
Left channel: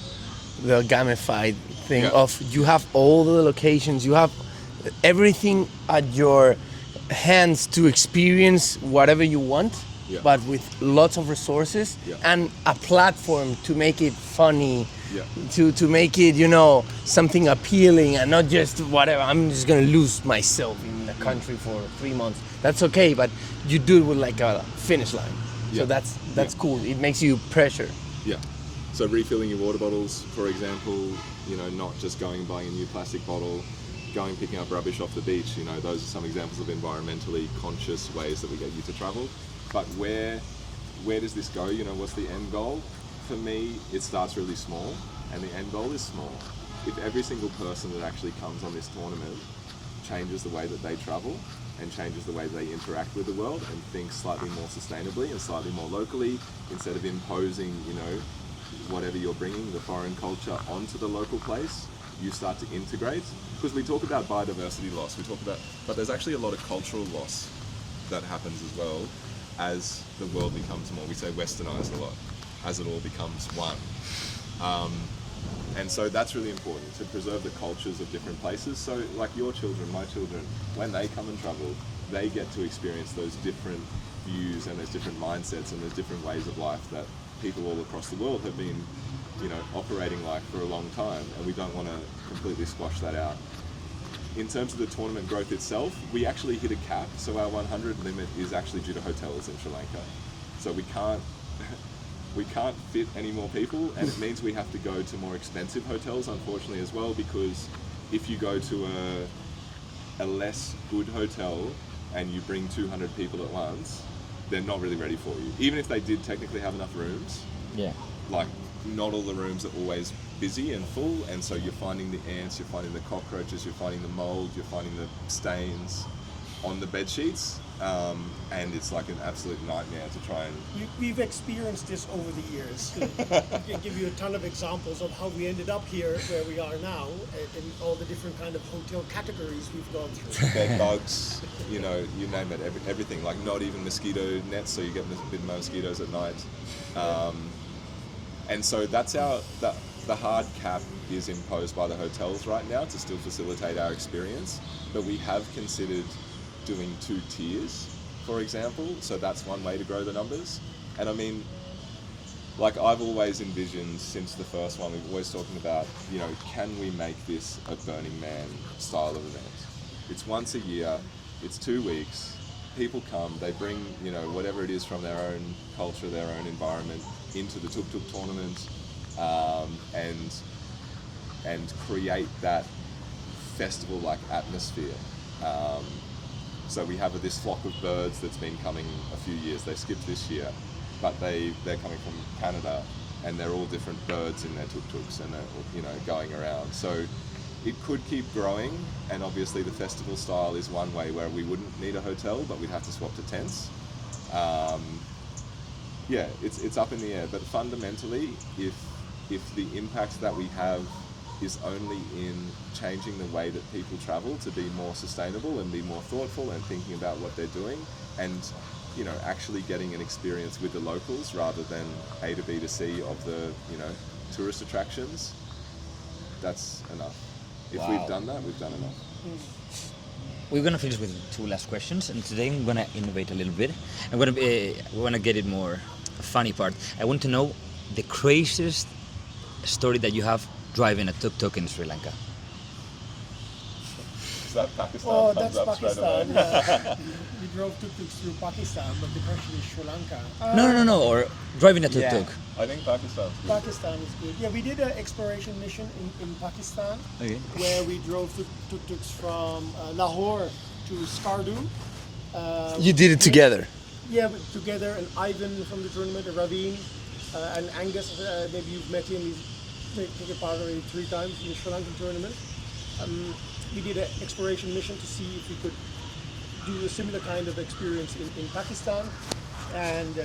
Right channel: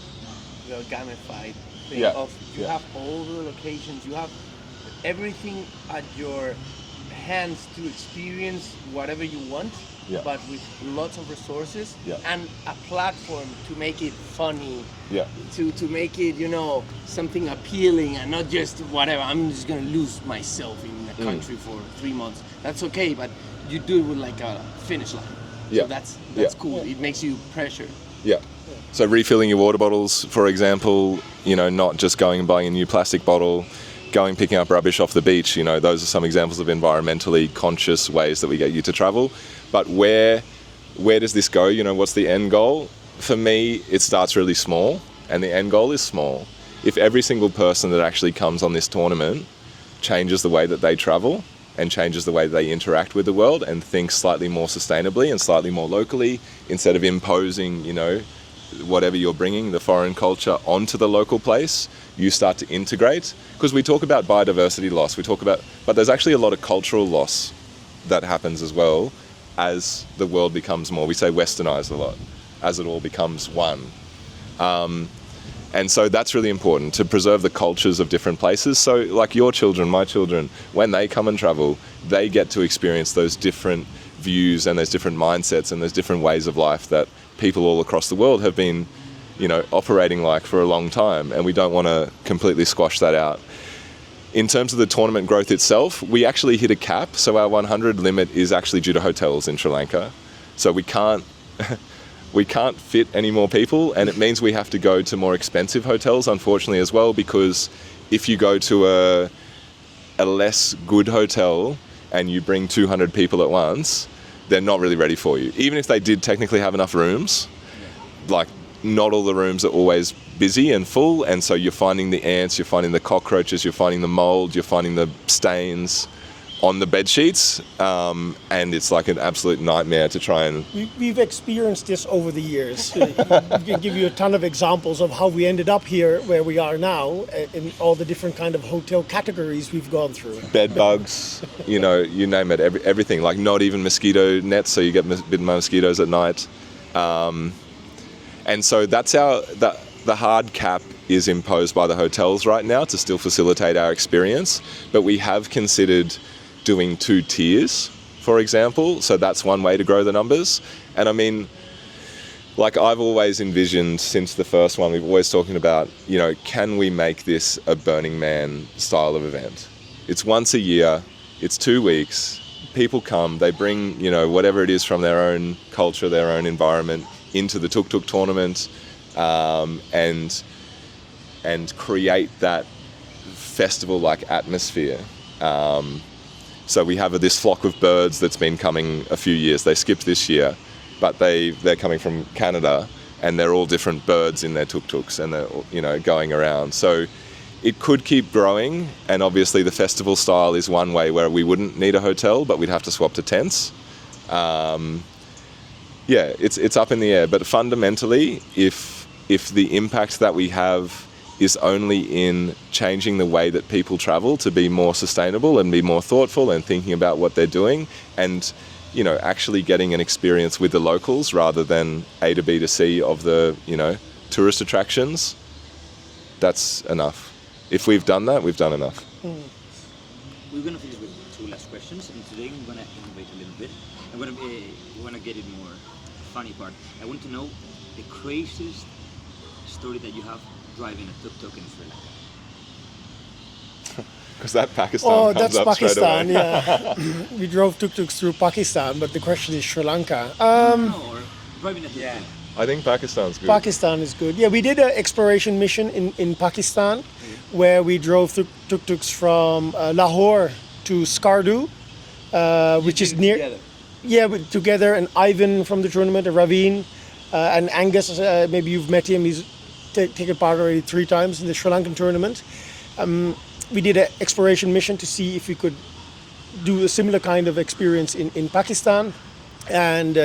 gamified thing of you have all the locations, you have everything at your hands to experience whatever you want. Yeah. but with lots of resources Yeah. and a platform to make it funny, Yeah. to make it, you know, something appealing and not just whatever. I'm just gonna lose myself in the country for 3 months. That's okay, but you do it with like a finish line. Yeah. So that's Yeah. cool. It makes you pressure. Yeah. So refilling your water bottles, for example, you know, not just going and buying a new plastic bottle, going picking up rubbish off the beach, you know, those are some examples of environmentally conscious ways that we get you to travel. But where does this go? You know, what's the end goal? For me, it starts really small and the end goal is small. If every single person that actually comes on this tournament changes the way that they travel and changes the way they interact with the world and thinks slightly more sustainably and slightly more locally, instead of imposing, you know, whatever you're bringing, the foreign culture, onto the local place, you start to integrate. Because we talk about biodiversity loss, but there's actually a lot of cultural loss that happens as well as the world becomes more, we say westernized a lot, as it all becomes one. And so that's really important, to preserve the cultures of different places. So like your children, my children, when they come and travel, they get to experience those different views and those different mindsets and those different ways of life that people all across the world have been, you know, operating like for a long time. And we don't want to completely squash that out. In terms of the tournament growth itself, we actually hit a cap. So our 100 limit is actually due to hotels in Sri Lanka. So we can't fit any more people, and it means we have to go to more expensive hotels, unfortunately, as well, because if you go to a less good hotel and you bring 200 people at once, they're not really ready for you. Even if they did technically have enough rooms, like not all the rooms are always busy and full, and so you're finding the ants, you're finding the cockroaches, you're finding the mold, you're finding the stains on the bed sheets, and it's like an absolute nightmare to try and... We've experienced this over the years. We can give you a ton of examples of how we ended up here where we are now, in all the different kind of hotel categories we've gone through. Bed bugs, you know, you name it, everything. Like not even mosquito nets, so you get bitten by mosquitoes at night. And so that's the hard cap is imposed by the hotels right now to still facilitate our experience, but we have considered doing 2 tiers, for example, so that's one way to grow the numbers. And I mean, like I've always envisioned since the first one, we've always talking about, you know, can we make this a Burning Man style of event? It's once a year, it's 2 weeks, people come, they bring, you know, whatever it is from their own culture, their own environment into the TukTuk Tournament, and create that festival-like atmosphere. So we have this flock of birds that's been coming a few years. They skipped this year, but they're coming from Canada, and they're all different birds in their tuk-tuks, and they're, you know, going around. So it could keep growing, and obviously the festival style is one way where we wouldn't need a hotel, but we'd have to swap to tents. Yeah, it's up in the air, but fundamentally, if the impact that we have is only in changing the way that people travel to be more sustainable and be more thoughtful and thinking about what they're doing, and, you know, actually getting an experience with the locals rather than A to B to C of the, you know, tourist attractions, that's enough. If we've done that, we've done enough. We're gonna finish with 2 last questions, and today I'm gonna innovate a little bit. We wanna get it more funny part. I want to know the craziest story that you have driving a tuk-tuk in Sri Lanka. Is that Pakistan? Oh, comes that's up straight Pakistan, away. yeah. We drove tuk-tuks through Pakistan, but the question is Sri Lanka. No, or driving a tuk-tuk. I think Pakistan's good. Pakistan is good. Yeah, we did an exploration mission in Pakistan where we drove tuk-tuks from Lahore to Skardu. You did it together. Yeah, together, and Ivan from the tournament, and Raveen, and Angus, maybe you've met him, he's taken part already 3 times in the Sri Lankan tournament. We did an exploration mission to see if we could do a similar kind of experience in Pakistan. And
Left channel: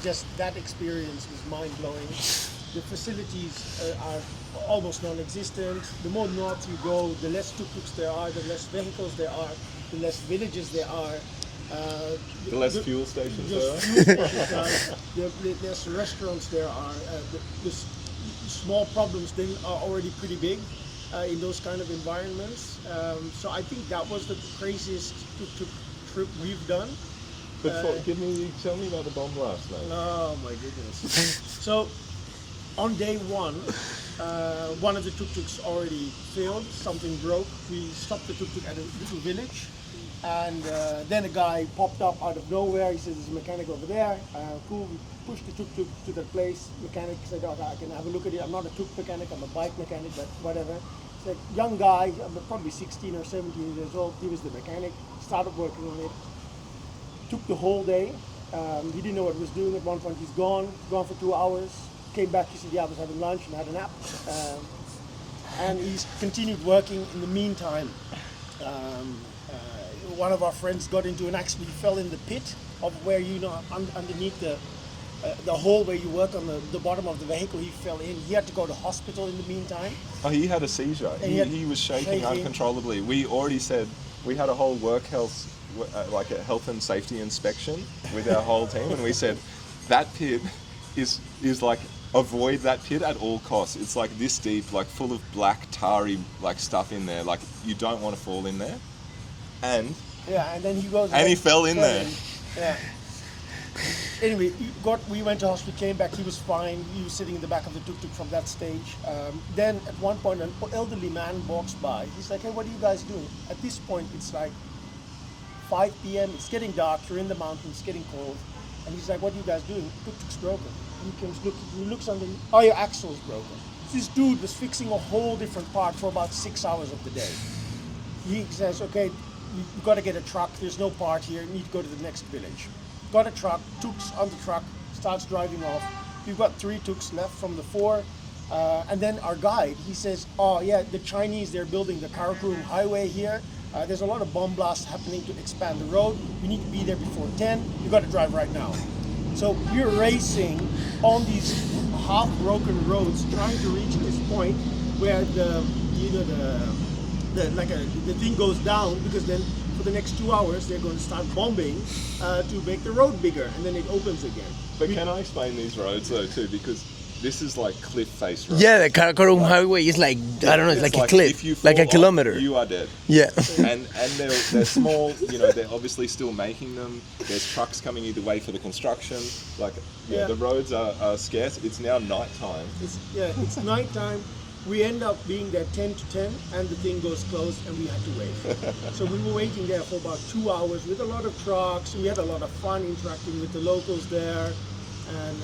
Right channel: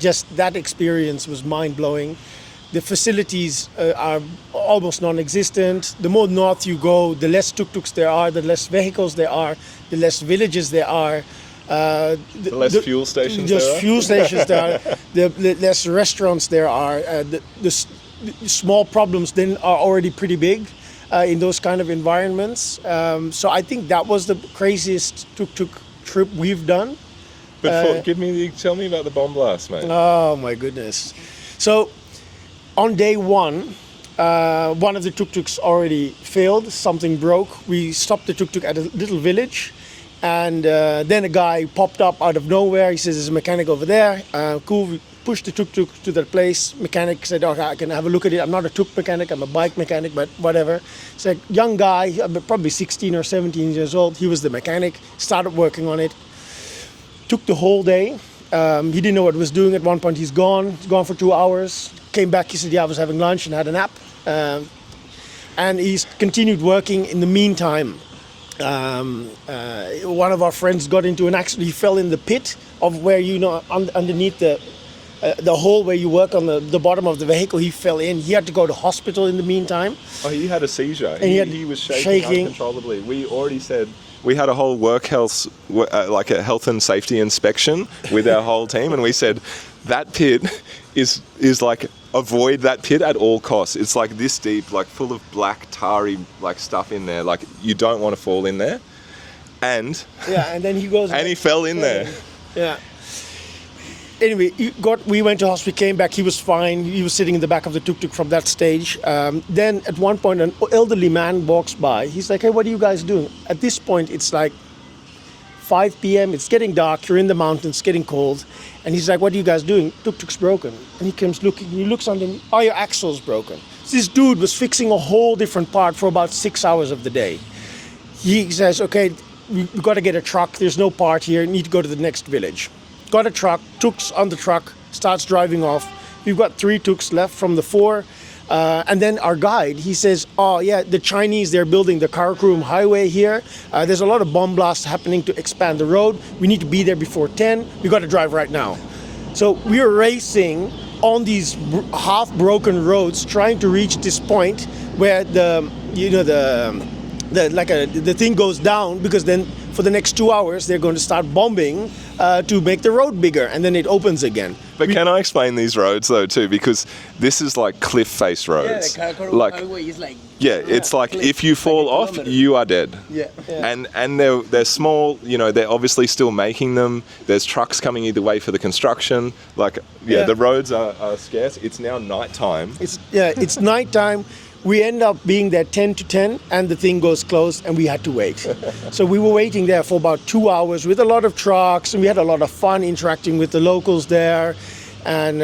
just that experience was mind-blowing. The facilities are almost non-existent. The more north you go, the less tuk-tuks there are, the less vehicles there are, the less villages there are. The less fuel stations there are. Fuel stations there are. The less restaurants there are. The small problems then are already pretty big in those kind of environments. So I think that was the craziest tuk-tuk trip we've done. Tell me about the bomb blast, mate. Oh my goodness. So on day one of the tuk-tuks already failed, something broke. We stopped the tuk-tuk at a little village, and then a guy popped up out of nowhere. He says, there's a mechanic over there. Cool, we pushed the tuk-tuk to that place. Mechanic said, okay, I can have a look at it. I'm not a tuk mechanic, I'm a bike mechanic, but whatever. It's a young guy, probably 16 or 17 years old. He was the mechanic, started working on it. Took the whole day. He didn't know what he was doing. At one point he's gone for 2 hours. Came back, he said, yeah, I was having lunch and had a nap. And he's continued working. In the meantime, one of our friends got into an accident. He fell in the pit of where, underneath the hole where you work on the bottom of the vehicle. He fell in. He had to go to hospital in the meantime. Oh, he had a seizure. And he was shaking uncontrollably. We already said we had a whole work health, like a health and safety inspection with our whole team, and we said that pit is like, avoid that pit at all costs. It's like this deep, like full of black tarry like stuff in there. Like you don't want to fall in there. And then he goes and he fell in there. Yeah. Anyway, we went to hospital, came back, he was fine. He was sitting in the back of the tuk-tuk from that stage. Then at one point, an elderly man walks by. He's like, hey, what are you guys doing? At this point, it's like 5 p.m., it's getting dark, you're in the mountains, getting cold. And he's like, what are you guys doing? Tuk-tuk's broken. And he comes looking, he looks under him, oh, your axle's broken. So this dude was fixing a whole different part for about 6 hours of the day. He says, okay, we've got to get a truck, there's no part here, need to go to the next village. Got a truck, Tuk's on the truck, starts driving off. We've got 3 Tuks left from the 4. And then our guide, he says, oh yeah, the Chinese, they're building the Karakoram highway here. There's a lot of bomb blasts happening to expand the road. We need to be there before 10. We got to drive right now. So we were racing on these half-broken roads, trying to reach this point where the thing goes down, because then for the next 2 hours they're going to start bombing to make the road bigger, and then it opens again. But can I explain these roads though too? Because this is like cliff face roads. Yeah, the Karakoram highway is like, I don't know, it's like a cliff, if you fall like a off, kilometer. you are dead. Yeah. And they're small. They're obviously still making them. There's trucks coming either way for the construction. The roads are scarce. It's now nighttime. It's nighttime. We end up being there 10 to 10, and the thing goes closed, and we had to wait. So we were waiting there for about 2 hours with a lot of trucks, and we had a lot of fun interacting with the locals there. And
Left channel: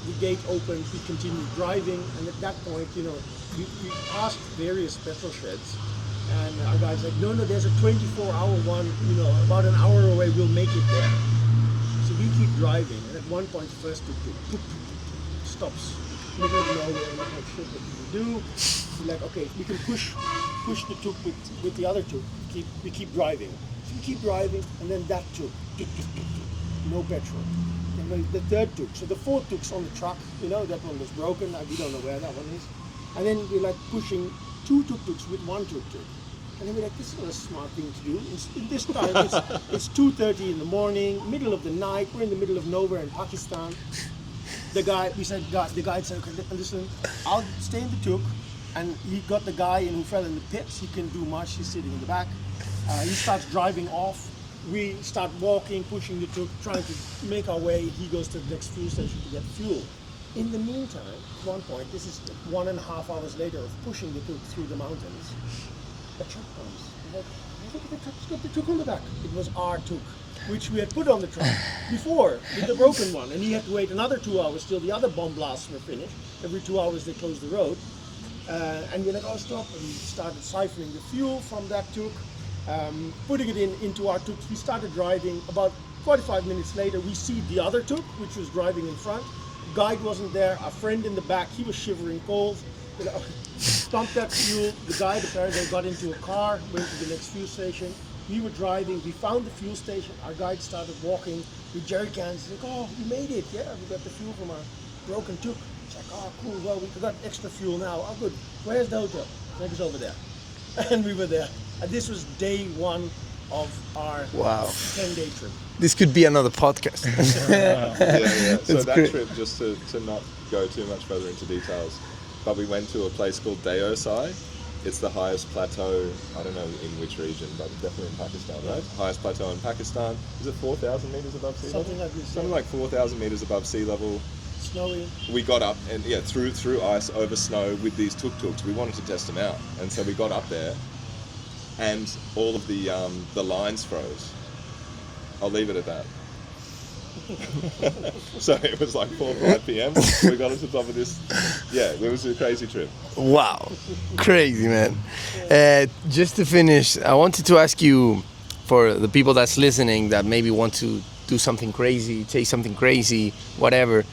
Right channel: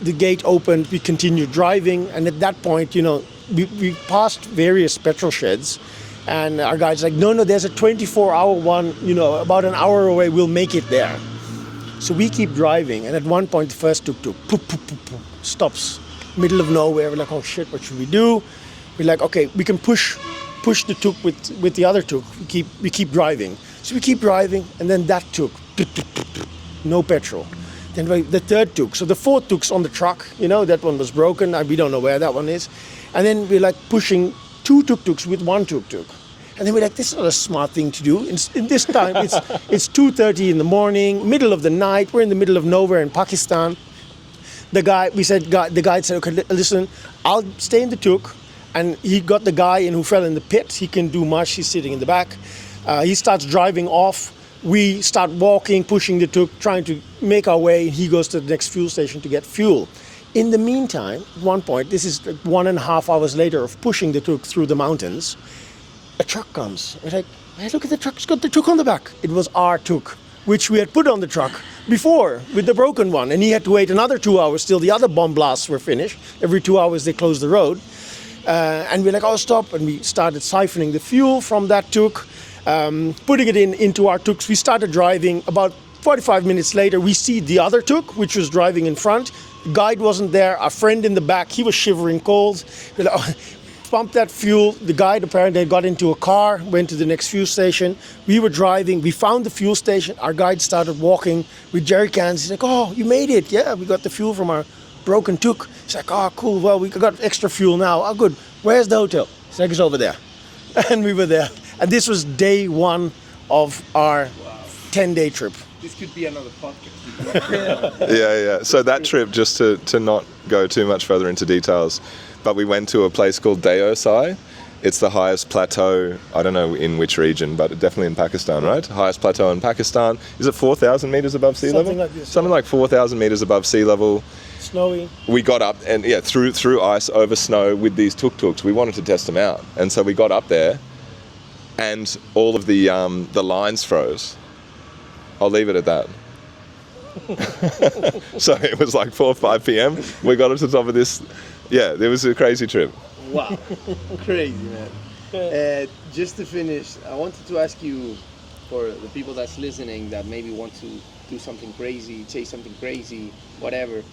the gate opened, we continued driving, and at that point, we passed various petrol sheds, and our guide's like, no, there's a 24-hour one, about an hour away, we'll make it there. So we keep driving, and at one point, the first tuk-tuk stops. Middle of nowhere. We're like, oh shit, what should we do? We're like, okay, we can push the tuk with the other tuk. We keep driving. So we keep driving, and then that tuk, no petrol. Then the third tuk. So the 4th tuk's on the truck. That one was broken. We don't know where that one is. And then we're like pushing 2 tuk-tuks with 1 tuk-tuk. And then we're like, this is not a smart thing to do. In this time, it's 2:30 in the morning, middle of the night. We're in the middle of nowhere in Pakistan. The guide said, okay, listen, I'll stay in the tuk. And he got the guy in who fell in the pit. He can do much, he's sitting in the back. He starts driving off. We start walking, pushing the tuk, trying to make our way. He goes to the next fuel station to get fuel. In the meantime, at one point, this is 1.5 hours later of pushing the tuk through the mountains, a truck comes. We're like, hey, look at the truck, it's got the tuk on the back. It was our tuk, which we had put on the truck before with the broken one. And he had to wait another 2 hours till the other bomb blasts were finished. Every 2 hours they closed the road. And we're like, oh, stop. And we started siphoning the fuel from that tuk, putting it into our tuks. We started driving. About 45 minutes later, we see the other tuk, which was driving in front. The guide wasn't there. Our friend in the back, he was shivering cold. We pumped that fuel. The guide apparently got into a car, went to the next fuel station. We were driving. We found the fuel station. Our guide started walking with jerry cans. He's like, oh, you made it. Yeah, we got the fuel from our broken tuk. He's like, oh, cool. Well, we got extra fuel now. Oh, good. Where's the hotel? He's like, it's over there. And we were there. And this was day 1 of our 10-day trip. This could be another podcast. Yeah. So that trip, just to not go too much further into details, but we went to a place called Deosai. It's the highest plateau, I don't know in which region, but definitely in Pakistan, right? Highest plateau in Pakistan. Is it 4,000 meters above sea level? Something like this. Something like 4,000 meters above sea level. Snowy. We got up and through ice, over snow with these tuk-tuks. We wanted to test them out. And so we got up there and all of the lines froze. I'll leave it at that. So it was like 4 or 5 p.m. We got up to the top of this. Yeah, it was a crazy trip. Wow, crazy, man. Just to finish, I wanted to ask you, for the people that's listening that maybe want to do something crazy, chase something crazy, whatever,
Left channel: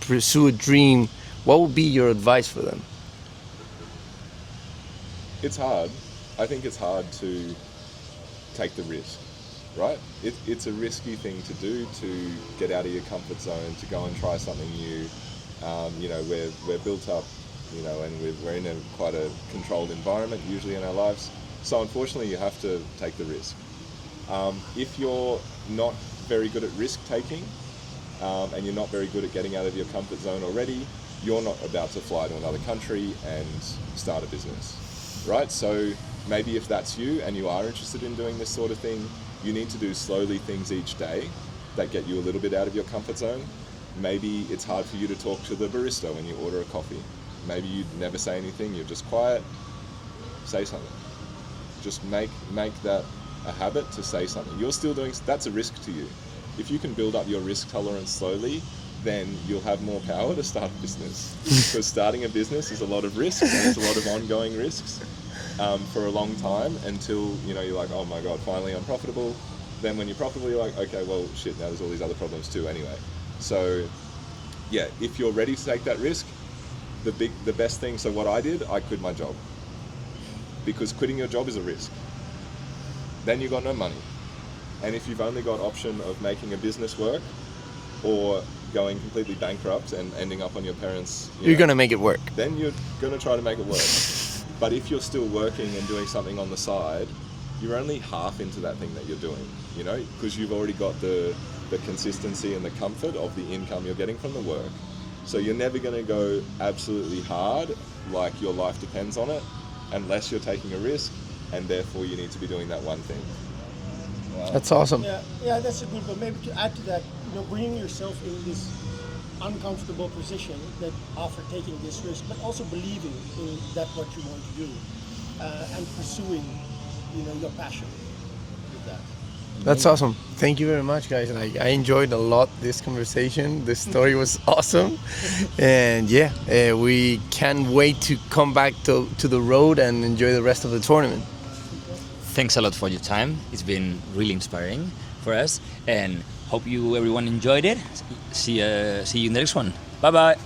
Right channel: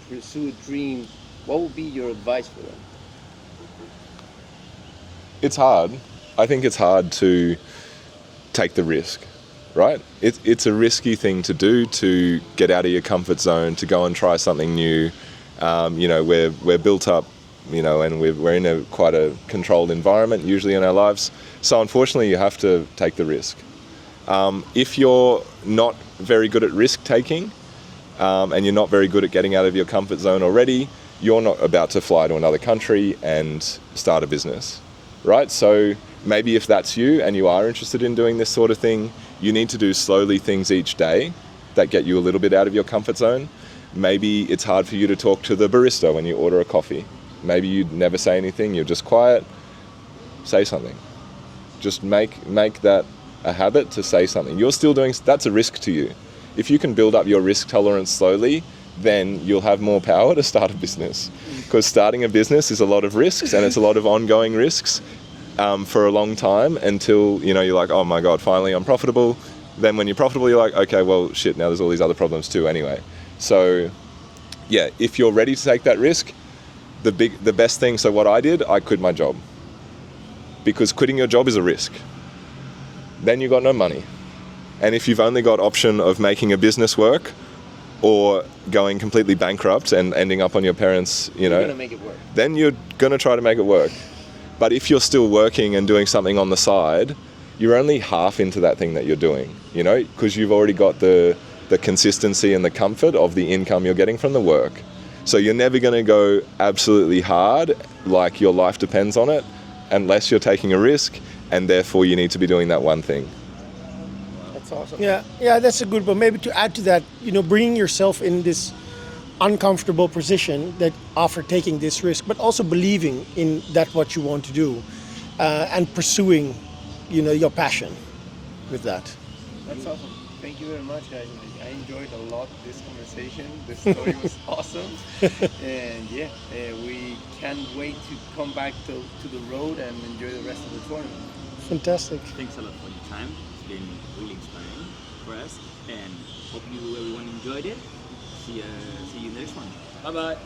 pursue a dream, what would be your advice for them? It's hard. I think it's hard to take the risk, right? It's a risky thing to do, to get out of your comfort zone, to go and try something new. We're built up, and we're in quite a controlled environment usually in our lives. So unfortunately, you have to take the risk. If you're not very good at risk taking, and you're not very good at getting out of your comfort zone already, you're not about to fly to another country and start a business, right? So maybe if that's you and you are interested in doing this sort of thing, you need to do slowly things each day that get you a little bit out of your comfort zone. Maybe it's hard for you to talk to the barista when you order a coffee. Maybe you never say anything, you're just quiet. Say something. Just make that a habit to say something. You're still doing, that's a risk to you. If you can build up your risk tolerance slowly, then you'll have more power to start a business. Because starting a business is a lot of risks, and it's a lot of ongoing risks for a long time until, you're like, oh my God, finally I'm profitable. Then when you're profitable, you're like, okay, well, shit, now there's all these other problems too anyway. So yeah, if you're ready to take that risk, the best thing, so what I did, I quit my job. Because quitting your job is a risk. Then you got no money. And if you've only got option of making a business work or going completely bankrupt and ending up on your parents, You're going to make it work. then you're going to try to make it work. But if you're still working and doing something on the side, you're only half into that thing that you're doing, because you've already got the consistency and the comfort of the income you're getting from the work. So you're never going to go absolutely hard, like your life depends on it, unless you're taking a risk, and therefore you need to be doing that one thing. That's awesome. Yeah, that's a good one. Maybe to add to that, bringing yourself in this uncomfortable position that after taking this risk, but also believing in that what you want to do, and pursuing, your passion with that. That's awesome. Thank you very much, guys. I enjoyed a lot this conversation. This story was awesome. And we can't wait to come back to the road and enjoy the rest of the tournament. Fantastic. Thanks a lot for your time. It's been really inspiring for us, and hope everyone enjoyed it. See you in the next one. Bye bye.